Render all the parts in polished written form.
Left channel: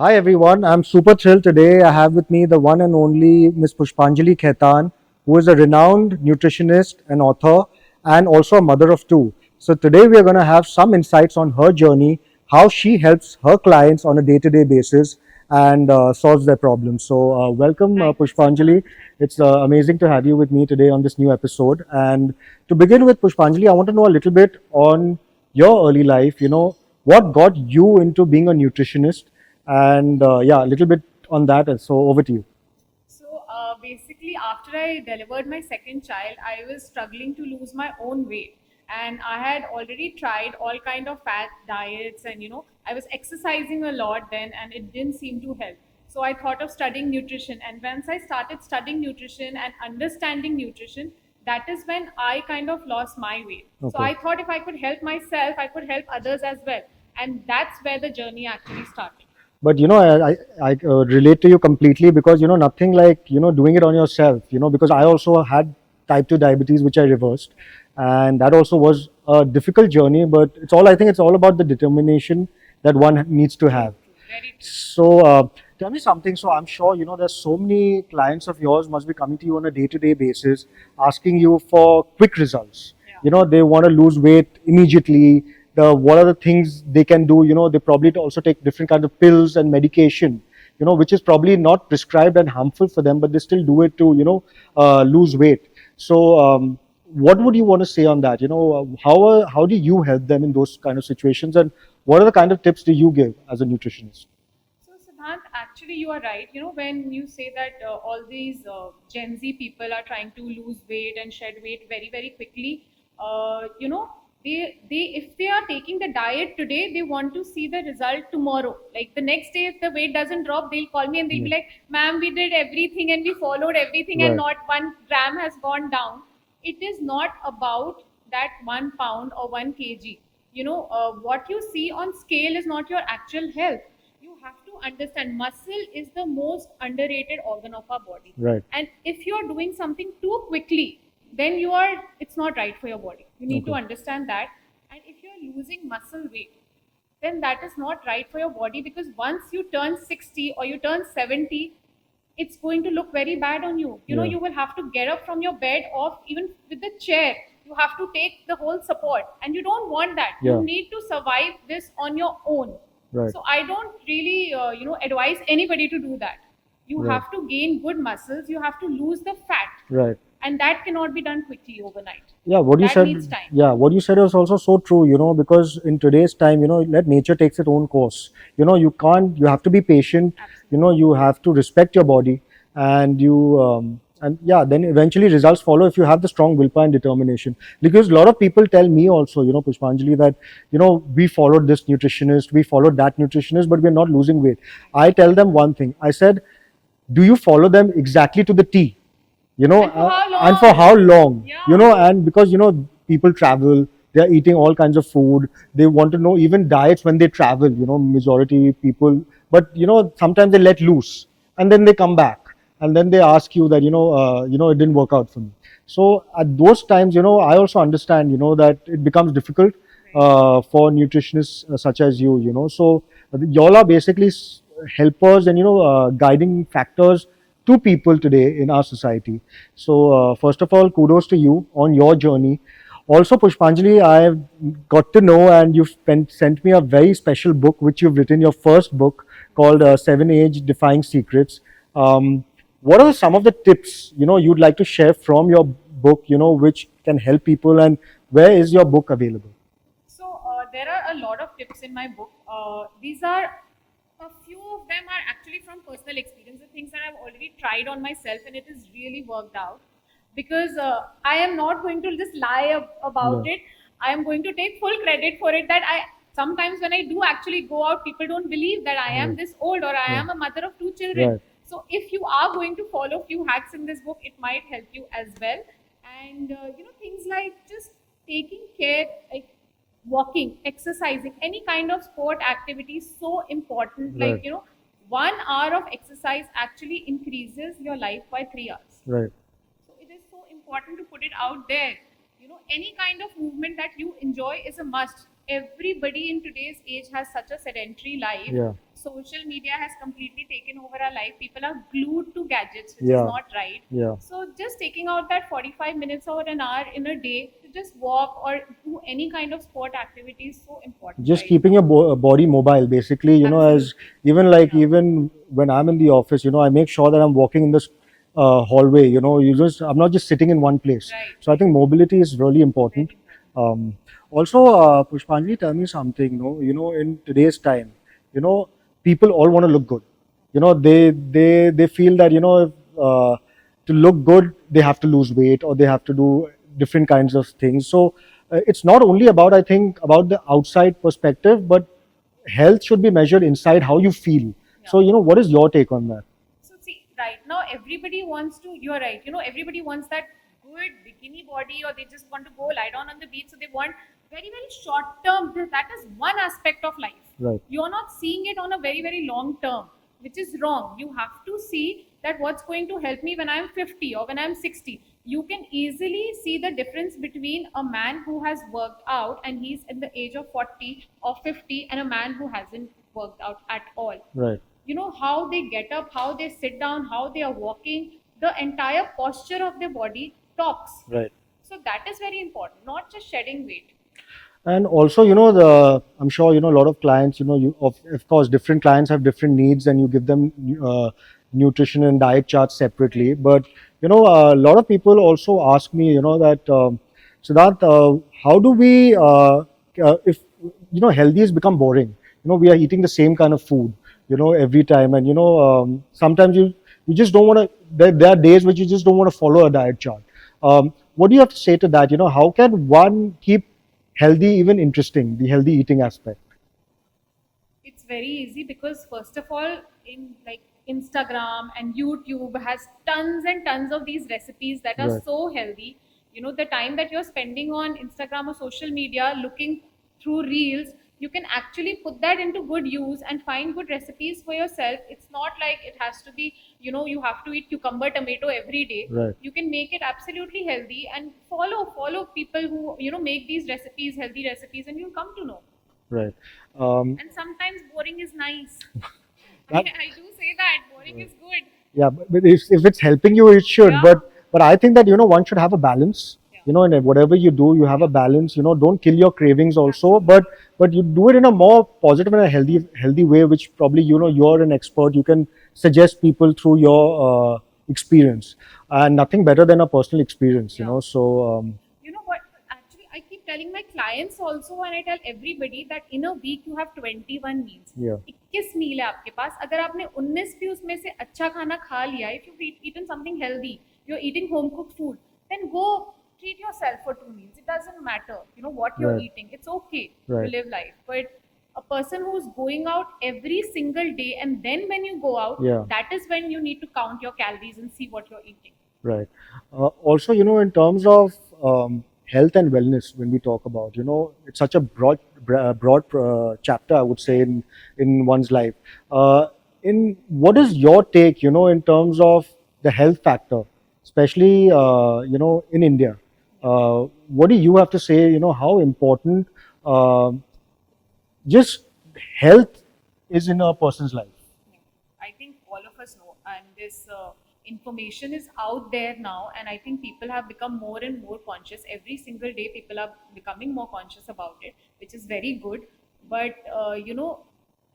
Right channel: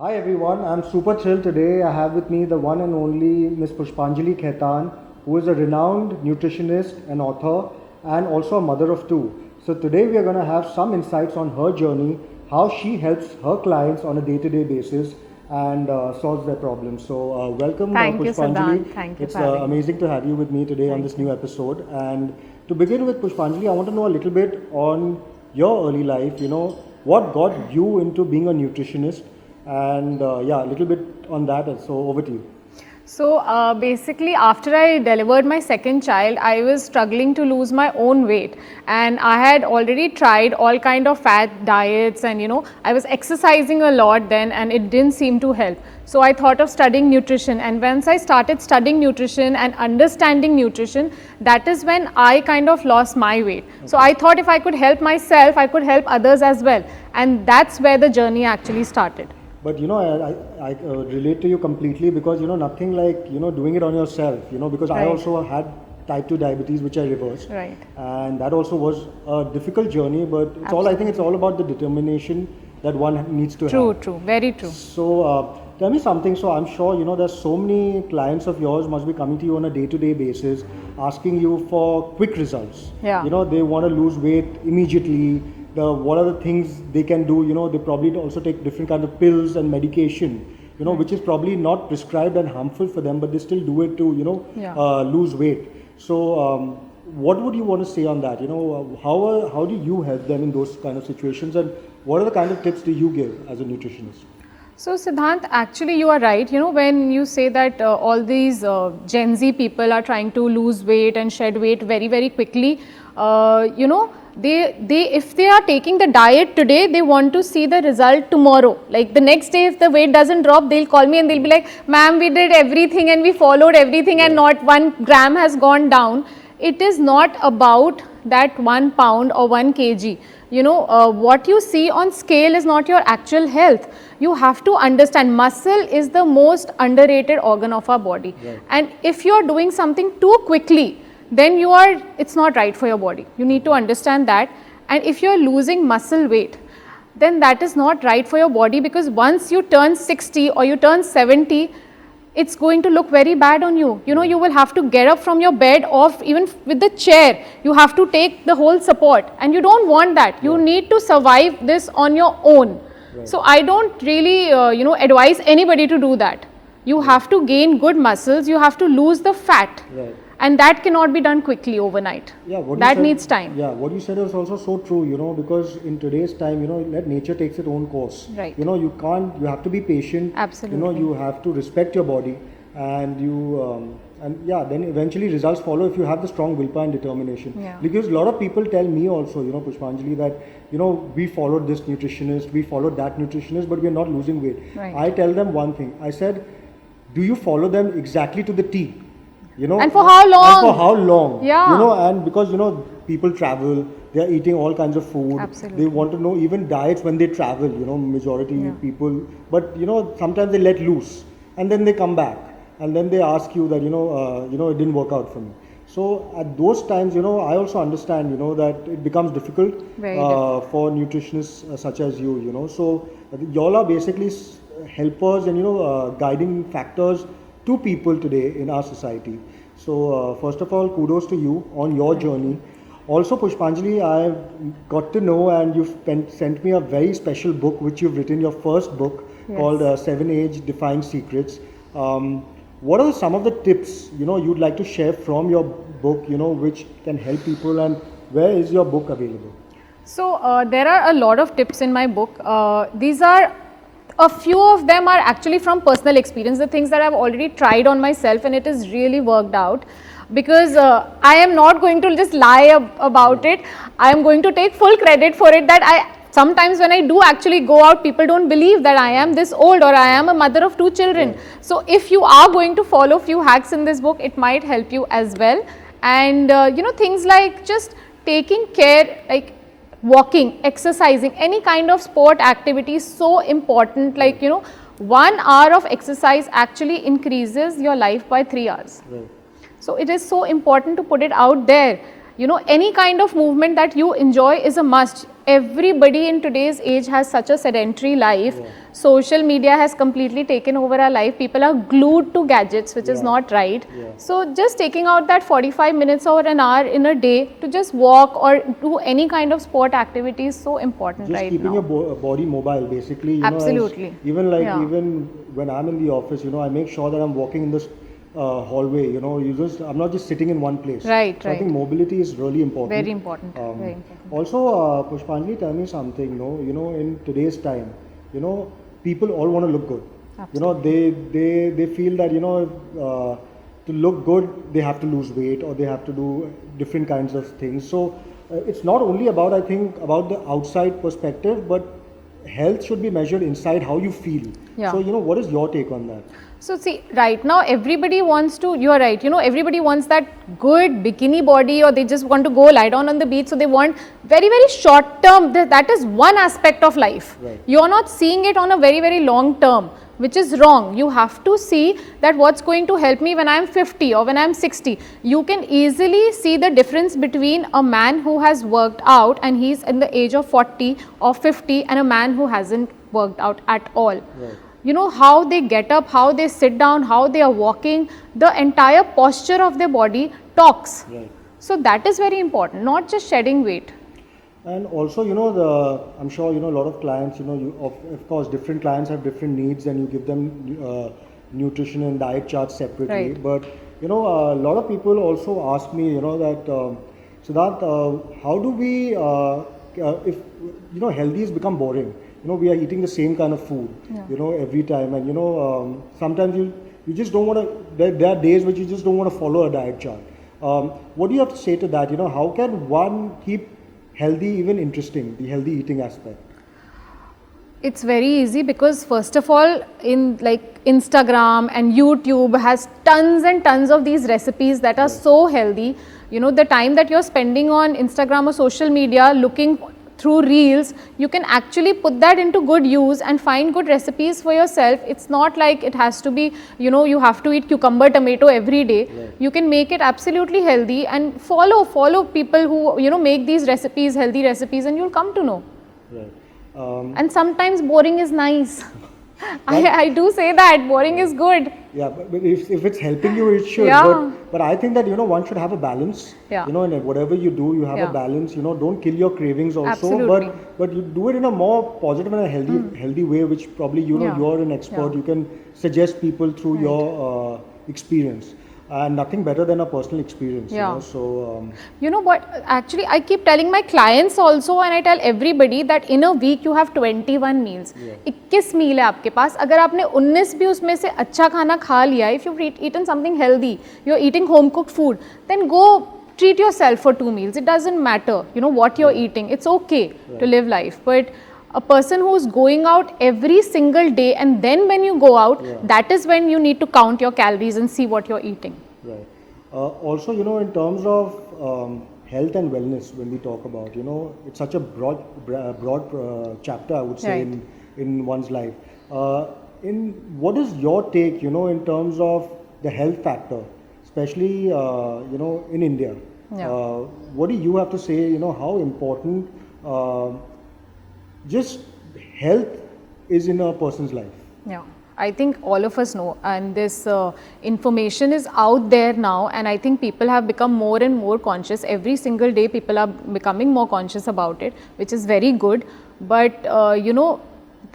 Hi everyone, I'm super thrilled today. I have with me the one and only Miss Pushpanjali today. I have with me the one and only Miss Pushpanjali Khaitan, who is a renowned nutritionist, an author, and also a mother of two. So today we are going to have some insights on her journey, how she helps her clients on a day-to-day basis and solves their problems. So welcome Thank you, Pushpanjali. Siddhant. Thank you It's for having me. amazing to have you with me today on this new episode. And to begin with, Pushpanjali, I want to know a little bit on your early life. What got you into being a nutritionist? And yeah, a little bit on that. And so over to you. So basically, after I delivered my second child, I was struggling to lose my own weight, and I had already tried all kind of fat diets, and I was exercising a lot then, and it didn't seem to help. So I thought of studying nutrition, and once I started studying nutrition and understanding nutrition, that is when I kind of lost my weight. Okay. So I thought if I could help myself, I could help others as well, and that's where the journey actually started. But I relate to you completely because nothing like doing it on yourself. Because I also had type 2 diabetes, which I reversed, Right. and that also was a difficult journey. But it's all, I think it's all about the determination that one needs to have. True, very true. So tell me something. So I'm sure there's so many clients of yours must be coming to you on a day-to-day basis, asking you for quick results. Yeah. They want to lose weight immediately. What are the things they can do? They probably also take different kind of pills and medication, which is probably not prescribed and harmful for them, but they still do it to, lose weight. So what would you want to say on that? How do you help them in those kind of situations, and what are the kind of tips do you give as a nutritionist? So Siddhant, actually you are right. When you say that all these Gen Z people are trying to lose weight and shed weight very, very quickly, they if they are taking the diet today, they want to see the result tomorrow. Like the next day, if the weight doesn't drop, they'll call me and they'll be like, ma'am, we did everything and we followed everything and not 1 gram has gone down. It is not about that 1 pound or 1 kg. What you see on scale is not your actual health. You have to understand muscle is the most underrated organ of our body. Right. And if you are doing something too quickly, then it's not right for your body. You need to understand that. And if you are losing muscle weight, then that is not right for your body, because once you turn 60 or you turn 70, it's going to look very bad on you. You will have to get up from your bed, or even with the chair, you have to take the whole support, and you don't want that. You need to survive this on your own. Right. So I don't really, advise anybody to do that. You have to gain good muscles, you have to lose the fat. Right. And that cannot be done quickly overnight. Yeah, that needs time. Yeah, what you said is also so true, because in today's time, let nature takes its own course. Right. You have to be patient. Absolutely. You have to respect your body, and then eventually results follow if you have the strong willpower and determination. Yeah. Because a lot of people tell me also, Pushpanjali, that, we followed this nutritionist, we followed that nutritionist, but we're not losing weight. Right. I tell them one thing. I said, do you follow them exactly to the T? And for how long? And for how long? Yeah. And because, people travel, they're eating all kinds of food. Absolutely. They want to know even diets when they travel, majority people. But, sometimes they let loose and then they come back and then they ask you that, it didn't work out for me. So at those times, I also understand, that it becomes difficult for nutritionists such as you. So y'all are basically helpers and, guiding factors to people today in our society. So first of all, kudos to you on your journey. Also, Pushpanjali, I've got to know, and you've sent me a very special book which you've written, your first book, called 7 Age Defying Secrets. What are some of the tips you'd like to share from your book, which can help people, and where is your book available? So there are a lot of tips in my book. A few of them are actually from personal experience, the things that I've already tried on myself, and it has really worked out. Because I am not going to just lie about it. I am going to take full credit for it, that sometimes when I do actually go out, people don't believe that I am this old, or I am a mother of 2 children. Right. So if you are going to follow few hacks in this book, it might help you as well. And things like just taking care, like walking, exercising, any kind of sport activity is so important. Like 1 hour of exercise actually increases your life by 3 hours. Right. So it is so important to put it out there. Any kind of movement that you enjoy is a must. everybody in today's age has such a sedentary life. Yeah. Social media has completely taken over our life. People are glued to gadgets, which is Yeah. not right. Yeah. So just taking out that 45 minutes or an hour in a day to just walk or do any kind of sport activity is so important Just right keeping now. your body mobile, basically, you know, as Absolutely. even like Yeah. even when I'm in the office, you know, I make sure that I'm walking in this hallway. You know, I'm not just sitting in one place. Right, So I think right. mobility is really important. Very important. Very important. Also, Pushpanjali, tell me something. You know, in today's time, you know, people all want to look good. You know, they feel that, you know, to look good, they have to lose weight or they have to do different kinds of things. So it's not only about, I think, about the outside perspective, but health should be measured inside how you feel. Yeah. So, you know, what is your take on that? So see, right now everybody wants to, you're right, you know, everybody wants that good bikini body, or they just want to go lie down on the beach. So they want very, very short term, that is one aspect of life. Right. You're not seeing it on a very, very long term, which is wrong. You have to see that what's going to help me when I'm 50 or when I'm 60. You can easily see the difference between a man who has worked out and he's in the age of 40 or 50 and a man who hasn't worked out at all. Right. You know, how they get up, how they sit down, how they are walking, the entire posture of their body talks. Right. So that is very important, not just shedding weight. And also, you know, I'm sure, you know, a lot of clients, you know, of course, different clients have different needs and you give them nutrition and diet charts separately. Right. But, you know, a lot of people also ask me, you know, that, Siddhant, how do we, if, you know, healthy has become boring. You know, we are eating the same kind of food, you know, every time. And, you know, sometimes you just don't want to, there are days which you just don't want to follow a diet chart. What do you have to say to that? You know, how can one keep healthy even interesting, the healthy eating aspect? It's very easy because first of all, in like Instagram and YouTube has tons and tons of these recipes that are Right. so healthy. You know, the time that you're spending on Instagram or social media looking through reels, you can actually put that into good use and find good recipes for yourself. It's not like it has to be, you know, you have to eat cucumber, tomato every day. Right. You can make it absolutely healthy and follow people who, you know, make these recipes, healthy recipes, and you'll come to know. Right. And sometimes boring is nice. I do say that boring is good. Yeah, but if it's helping you, it should. Yeah. But I think that, you know, one should have a balance. Yeah. You know, and whatever you do, you have a Yeah. balance. You know, don't kill your cravings also. Absolutely. But you do it in a more positive and a healthy way, which probably, you know, Yeah. you're an expert. Yeah. You can suggest people through your experience. And nothing better than a personal experience. Yeah. You know, so You know what, actually I keep telling my clients also and I tell everybody that in a week you have 21 meals. Yeah. 21 मील है आपके पास. अगर आपने 19 भी उसमें से अच्छा खाना खा लिया, if you've eaten something healthy, you're eating home cooked food, then go treat yourself for 2 meals. It doesn't matter, you know, what you're Right. eating. It's okay to Right. live life. But a person who's going out every single day and then when you go out, Yeah. that is when you need to count your calories and see what you're eating. right. Also, you know, in terms of health and wellness, when we talk about, you know, it's such a broad chapter, I would say, Right. in one's life. In what is your take, you know, in terms of the health factor, especially, you know, in India? Yeah. What do you have to say, you know, how important just health is in a person's life? Yeah, I think all of us know, and this information is out there now, and I think people have become more and more conscious. Every single day people are becoming more conscious about it, which is very good. But you know,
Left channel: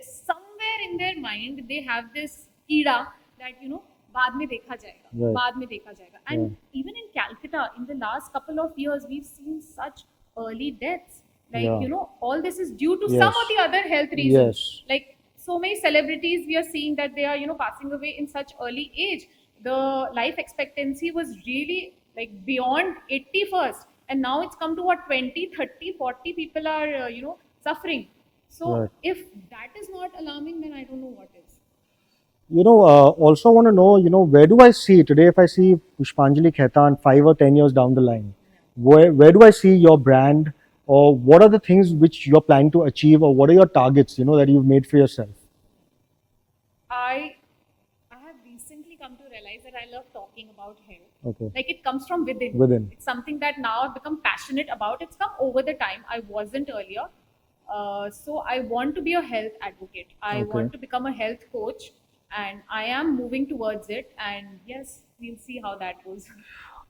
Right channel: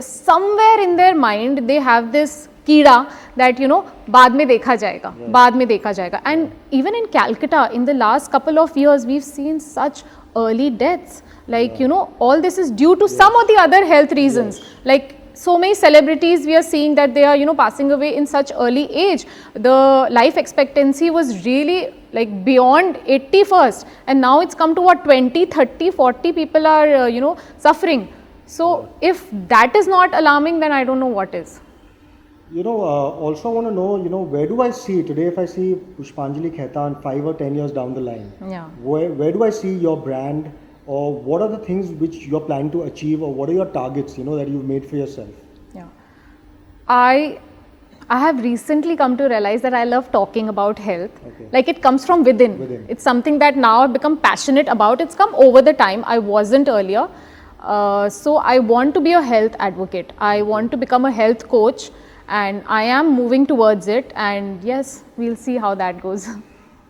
somewhere in their mind they have this कीड़ा that, you know, बाद में देखा जाएगा, Right. बाद में देखा जाएगा. And even in Calcutta, in the last couple of years, we've seen such early deaths. Like, Yeah. you know, all this is due to some Yes. or the other health reasons. Yes. Like so many celebrities, we are seeing that they are, you know, passing away in such early age. The life expectancy was really like beyond 80 first, and now it's come to what, 20, 30, 40 people are, you know, suffering. So Right. if that is not alarming, then I don't know what is. You know, also want to know, you know, where do I see today if I see Pushpanjali Khaitan 5 or 10 years down the line? Yeah. Where do I see your brand, or what are the things which you're planning to achieve, or what are your targets, you know, that you've made for yourself? Yeah. I have recently come to realize that I love talking about health. Okay. Like it comes from within. Within. It's something that now I've become passionate about. It's come over the time. I wasn't earlier. So I want to be a health advocate. I want to become a health coach, and I am moving towards it. And yes, we'll see how that goes.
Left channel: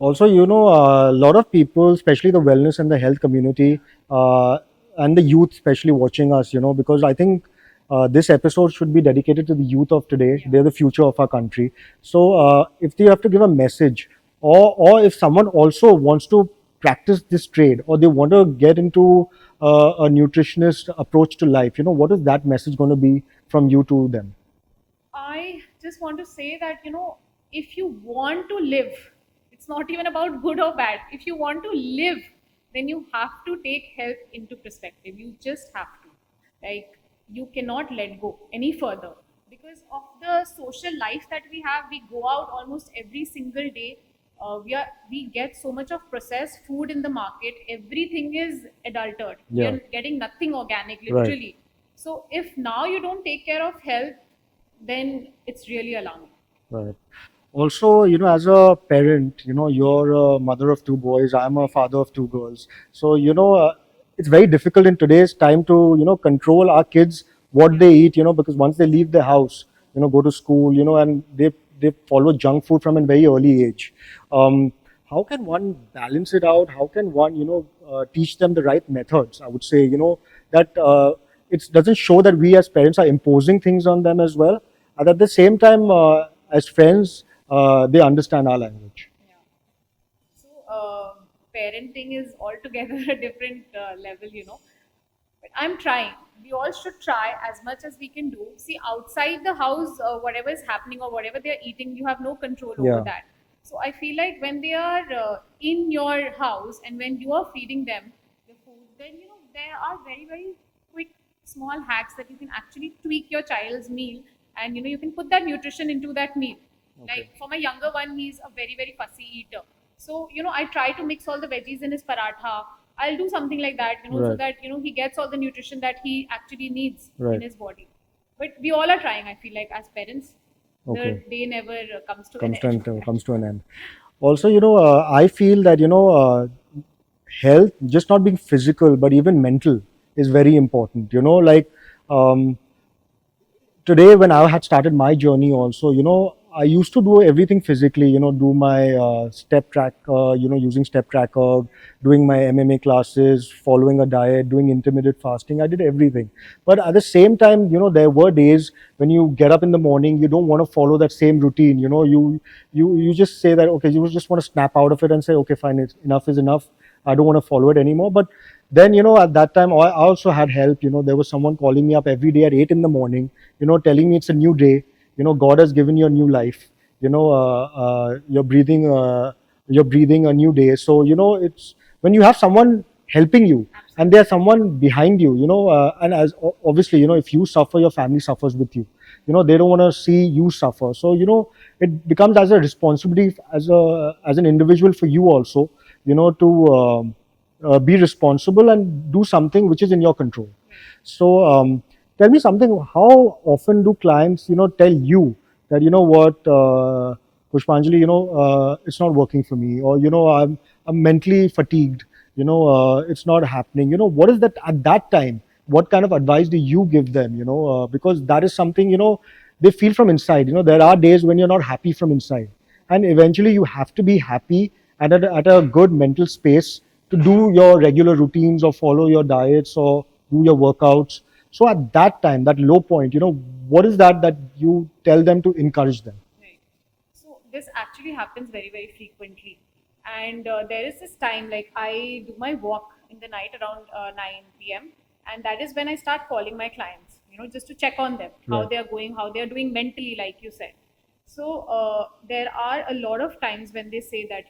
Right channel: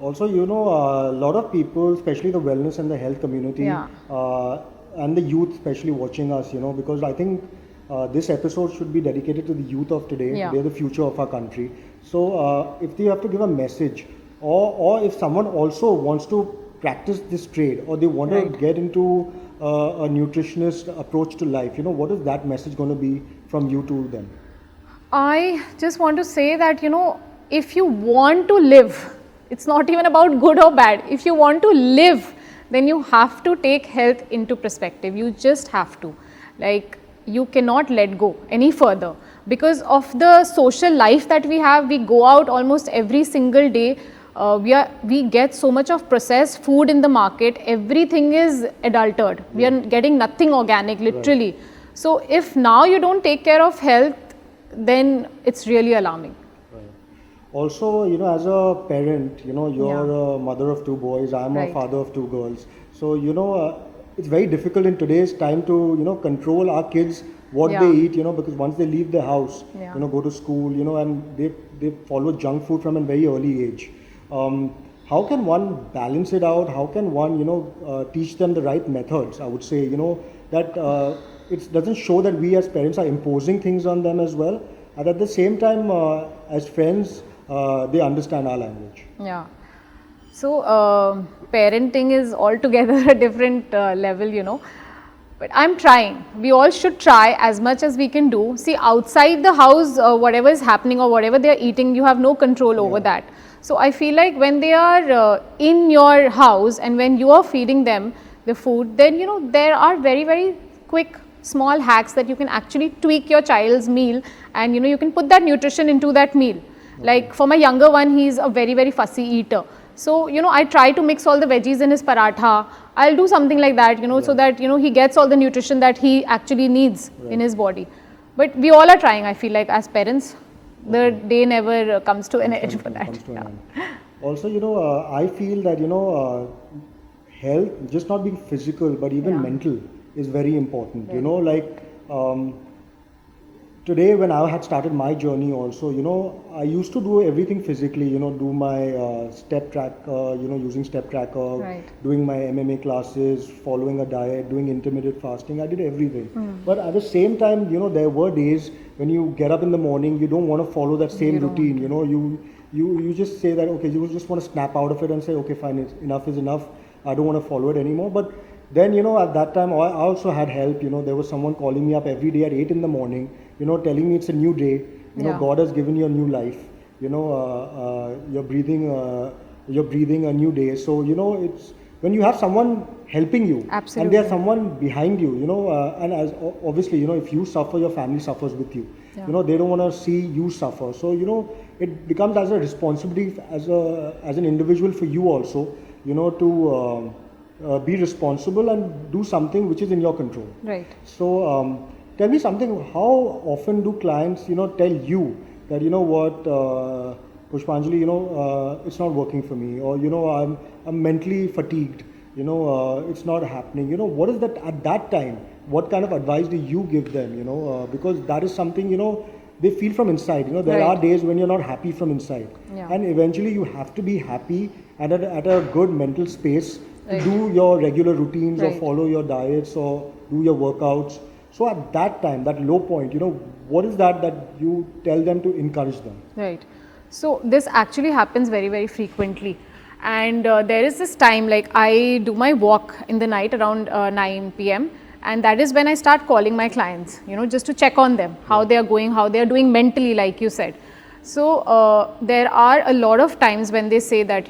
Also, a lot of people, especially the wellness and the health community, Yeah. and the youth, especially watching us, because I think this episode should be dedicated to the youth of today. Yeah. They're the future of our country. So, if you have to give a message, or if someone also wants to practice this trade, or they want to get into a nutritionist approach to life, what is that message going to be from you to them? I just want to say that, if you want to live, it's not even about good or bad. If you want to live, then you have to take health into perspective. You just have to. Like, you cannot let go any further because of the social life that we have. We go out almost every single day. We get so much of processed food in the market. Everything is adulterated. We are getting nothing organic, literally. Right. So if now you don't take care of health, then it's really alarming. Right. Also, as a parent, you're a mother of two boys, I'm a Right. father of two girls. So, it's very difficult in today's time to, control our kids, what they eat, because once they leave the house, go to school, and they follow junk food from a very early age. How can one balance it out? How can one, teach them the right methods? I would say, that it doesn't show that we as parents are imposing things on them as well. And at the same time, as friends, they understand our language. Yeah. So, parenting is altogether a different level. But I'm trying. We all should try as much as we can do. See, outside the house, whatever is happening or whatever they're eating, you have no control over that. So, I feel like when they are in your house and when you are feeding them the food, then, there are very, very quick, small hacks that you can actually tweak your child's meal, and, you can put that nutrition into that meal. Like for my younger one, he's a very, very fussy eater. So, I try to mix all the veggies in his paratha. I'll do something like that, so that, he gets all the nutrition that he actually needs in his body. But we all are trying, I feel like, as parents. The day never comes to an end for that. Comes to an end. Also, I feel that, health, just not being physical, but even mental is very important. Today when I had started my journey also, I used to do everything physically, do my step track, using step tracker, doing my MMA classes, following a diet, doing intermittent fasting. I did everything. But at the same time, there were days when you get up in the morning, you don't want to follow that same routine. You just say that, okay, you just want to snap out of it and say, okay, fine, enough is enough. I don't want to follow it anymore. But then, at that time, I also had help. There was someone calling me up every day at 8 in the morning, telling me it's a new day. God has given you a new life. You're breathing a new day. So, it's when you have someone helping you, and there's someone behind you, and as obviously, if you suffer, your family suffers with you. They don't want to see you suffer. So, it becomes as a responsibility as an individual for you also, to be responsible and do something which is in your control. Right. So, tell me something. How often do clients, tell you that, what, Pushpanjali, it's not working for me, or I'm mentally fatigued. It's not happening. What is that at that time? What kind of advice do you give them? Because that is something they feel from inside. There are days when you're not happy from inside, and eventually you have to be happy at a good mental space to do your regular routines or follow your diets or do your workouts. So at that time, that low point, what is that you tell them to encourage them? Right. So this actually happens very, very frequently. And there is this time, like I do my walk in the night around 9 p.m. And that is when I start calling my clients, just to check on them, how they are going, how they are doing mentally, like you said. So there are a lot of times when they say that,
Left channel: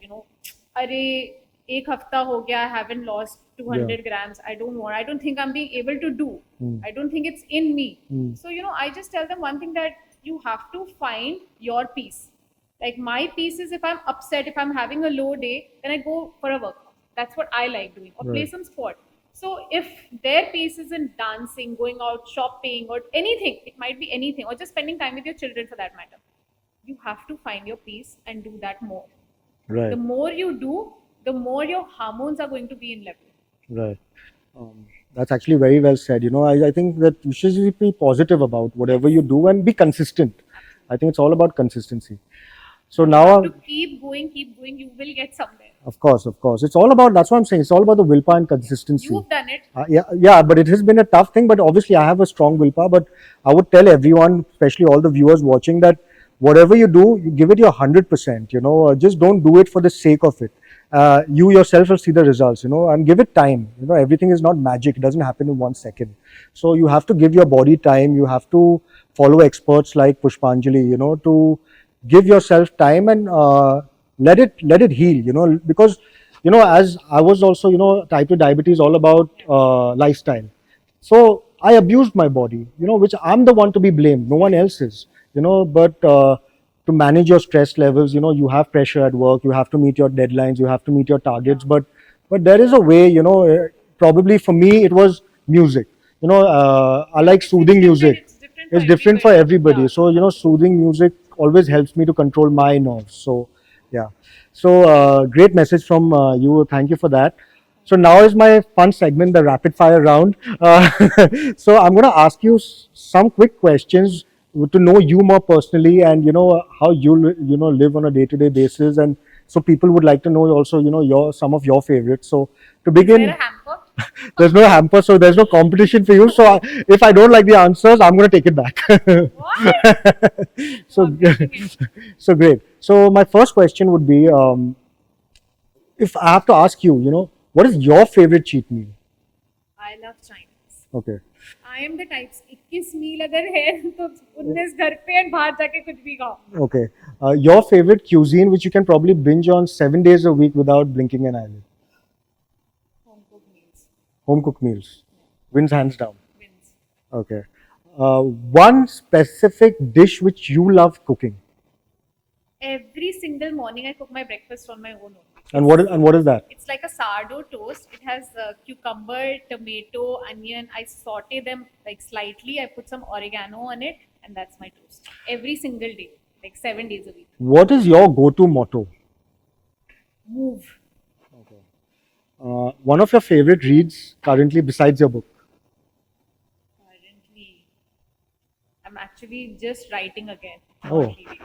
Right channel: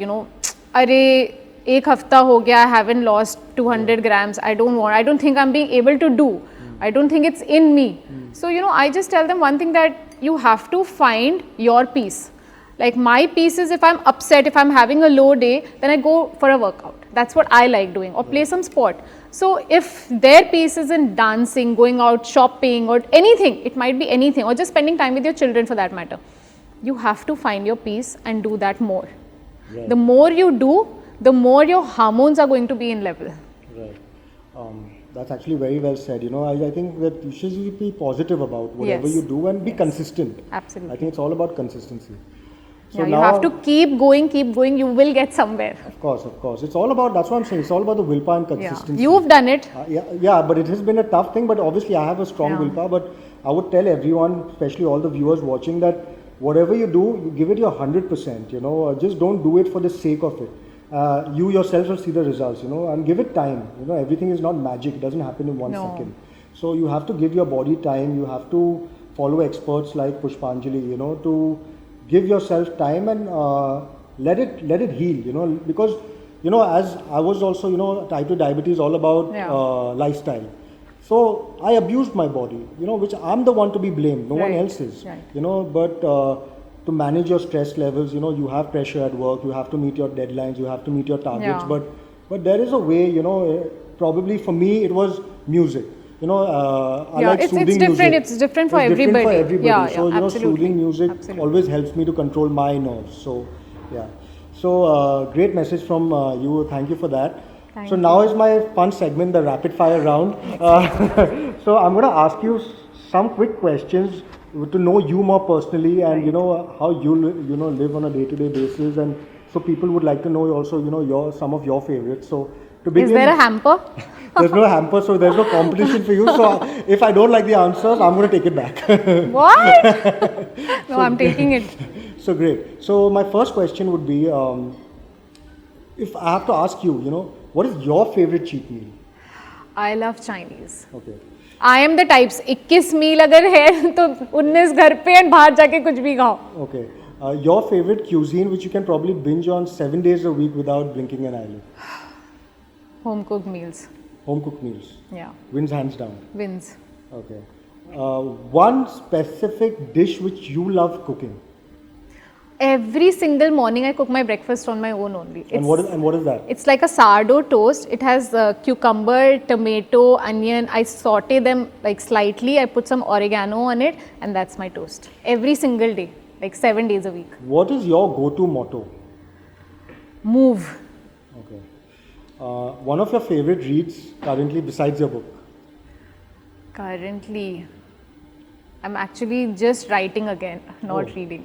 Arey, ek hafta ho gaya, I haven't lost 200 grams. I don't think I'm being able to do. I don't think it's in me. So, I just tell them one thing, that you have to find your peace. Like my peace is, if I'm upset, if I'm having a low day, then I go for a workout. That's what I like doing, or play some sport. So if their peace is in dancing, going out shopping, or anything, it might be anything, or just spending time with your children for that matter. You have to find your peace and do that more. Right. The more you do, the more your hormones are going to be in level. Right. That's actually very well said. I think that you should be positive about whatever Yes. you do and be consistent. Absolutely. I think it's all about consistency. So Yeah, you now, have to keep going, you will get somewhere. of course. It's all about, that's what I'm saying, it's all about the willpower and Yeah. consistency. You've done it. Yeah, but it has been a tough thing, but obviously I have a strong Yeah. willpower. But I would tell everyone, especially all the viewers watching, that whatever you do, you give it your 100%, just don't do it for the sake of it. You yourself will see the results, and give it time. Everything is not magic, it doesn't happen in 1 second. So you have to give your body time, you have to follow experts like Pushpanjali, to give yourself time and let it heal, because as I was also, type 2 diabetes, all about Yeah. lifestyle. So I abused my body, which I'm the one to be blamed, no one Right. else is. Right. But to manage your stress levels, you have pressure at work, you have to meet your deadlines, you have to meet your targets. Yeah. But there is a way, probably for me it was music. I Yeah, like it's soothing different, music. it's different for It's different for everybody. everybody. Yeah, So yeah, absolutely. soothing music Absolutely. always helps me to control my nerves. So yeah. So great message from you. Thank you for that. Thank So now is my fun segment, the rapid fire round. So I'm going to ask you some quick questions to know you more personally, and how you live on a day-to-day basis, and so people would like to know also some of your favorites. So to Is begin, there a hamper? there's no hamper, so there's no competition for you. So if I don't like the answers, I'm going to take it back. What? No, I'm taking it. So great. So my first question would be, if I have to ask you, what is your favorite cheat meal? I love Chinese. Okay. I am the types 21 मील अगर है तो 19 घर पे and बाहर जाके कुछ भी खाओ. Okay. Your favorite cuisine, which you can probably binge on 7 days a week without blinking an eyelid? Home cooked meals. Home cooked meals. Yeah. Wins hands down. Wins. Okay. One specific dish which you love cooking. Every single morning I cook my breakfast on my own only. And what is that? It's like a sourdough toast. It has cucumber, tomato, onion. I saute them like slightly. I put some oregano on it, and that's my toast. Every single day, like 7 days a week. What is your go-to motto? Move. Okay. One of your favorite reads currently besides your book? Currently, I'm actually just writing again, not Oh. reading.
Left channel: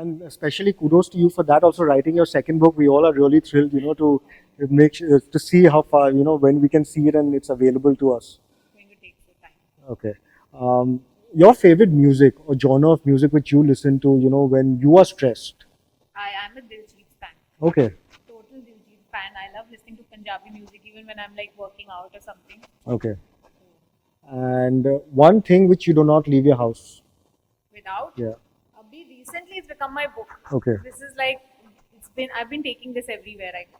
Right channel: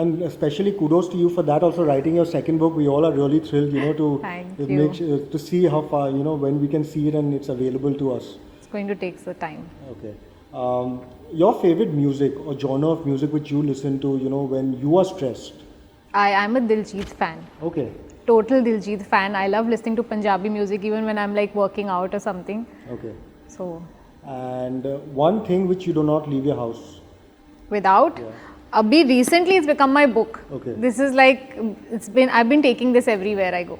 And especially kudos to you for that. Also writing your second book, we all are really thrilled, to Thank you. make to see how far, when we can see it and it's available to us. It's going to take some time. Okay. Your favorite music or genre of music which you listen to, when you are stressed? I am a Diljit fan. Okay. Total Diljit fan. I love listening to Punjabi music even when I'm like working out or something. Okay. So, And one thing which you do not leave your house? without. Yeah. Abhi recently it's become my book. Okay. This is like, I've been taking this everywhere I go.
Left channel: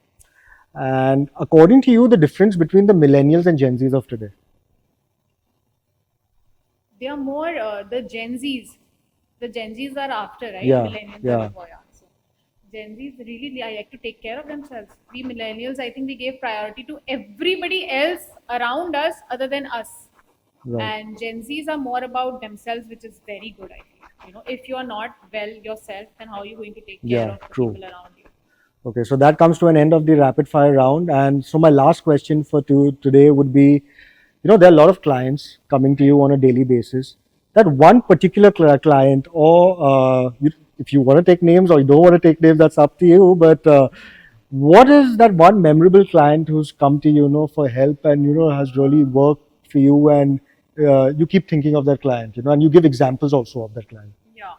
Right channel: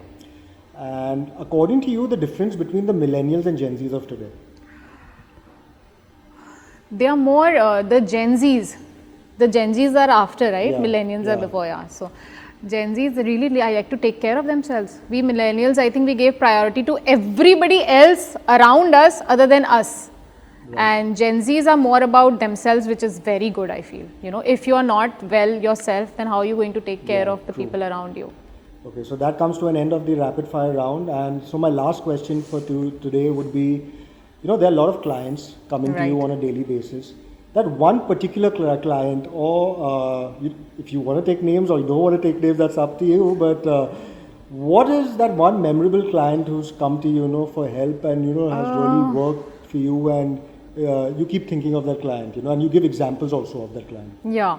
And according to you, the difference between the millennials and Gen Zs of today? They are more the Gen Zs. The Gen Zs are after, right? Yeah, Millennials yeah. are before, yeah. So Gen Zs really I like to take care of themselves. We millennials, I think we gave priority to everybody else around us other than us. Right. And Gen Zs are more about themselves, which is very good, I feel. If you are not well yourself, then how are you going to take care Yeah, of the true. people around you? Okay, so that comes to an end of the rapid fire round. And so my last question for today would be, there are a lot of clients coming to you Right. on a daily basis. That one particular client, or if you want to take names or you don't want to take names, that's up to you. But what is that one memorable client who's come to you, for help and has really worked for you, and you keep thinking of that client, and you give examples also of that client? Yeah.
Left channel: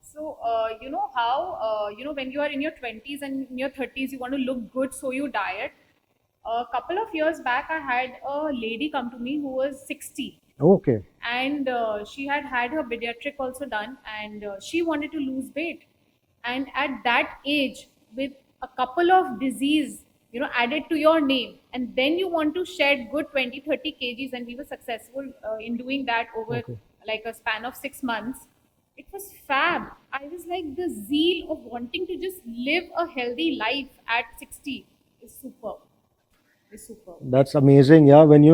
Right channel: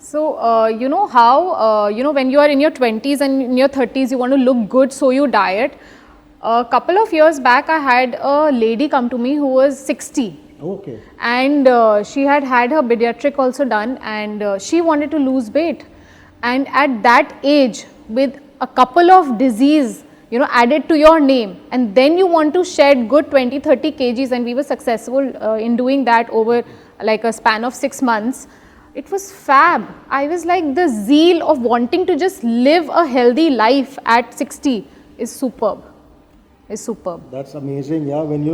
So, you know how, when you are in your 20s and in your 30s, you want to look good, so you diet. A couple of years back, I had a lady come to me who was 60. Okay. And she had her pediatric also done, and she wanted to lose weight. And at that age, with a couple of disease, added to your name, and then you want to shed good 20-30 kgs, and we were successful in doing that over like a span of 6 months. It was fab. I was like, the zeal of wanting to just live a healthy life at 60 is superb. That's amazing. Yeah, when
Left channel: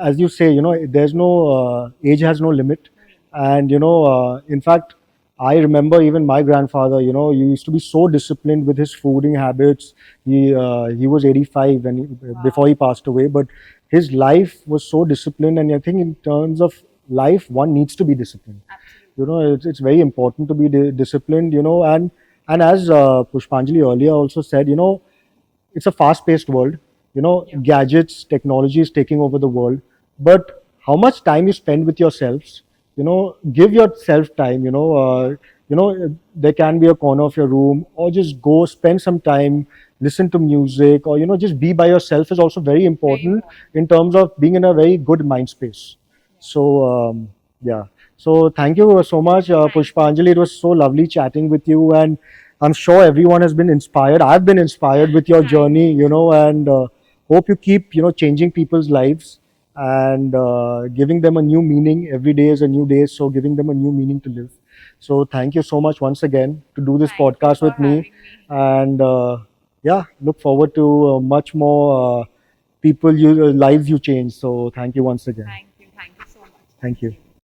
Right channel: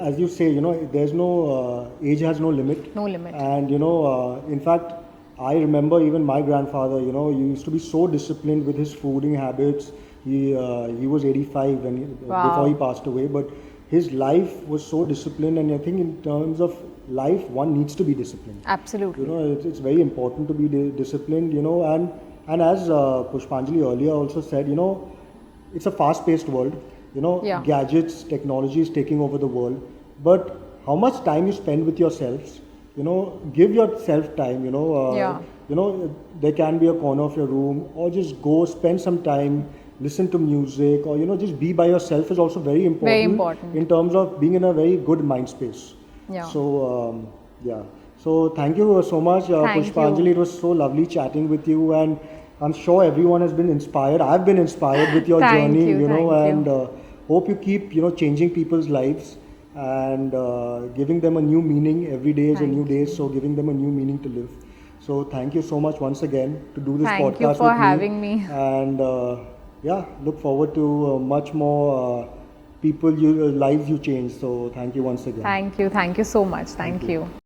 as you say, there's no age has no limit. No limit. And in fact, I remember even my grandfather. He used to be so disciplined with his fooding habits. He was 85 when Wow. before he passed away, but his life was so disciplined, and I think in terms of life, one needs to be disciplined. Absolutely. You know, it's very important to be disciplined. You know, and as Pushpanjali earlier also said, you know, it's a fast-paced world. You know, Yeah. gadgets, technology is taking over the world. But how much time you spend with yourselves? You know, give yourself time. Yeah. You know, there can be a corner of your room, or just go spend some time, listen to music, or you know, just be by yourself is also very important, important. in terms of being in a very good mind space. Yeah. So yeah. So thank you so much, Thank Pushpanjali. you. It was so lovely chatting with you, and I'm sure everyone has been inspired. I've been inspired with your Thank journey, you, you know, thank and you. hope you keep, you know, changing people's lives and giving them a new meaning. Every day is a new Thank day, you. so giving them a new meaning to live. So thank you so much once again to do this Thank you podcast for with me, having me. and yeah, look forward to much more lives you change. So thank you once again. Thank you so much. Thank Thank you. you.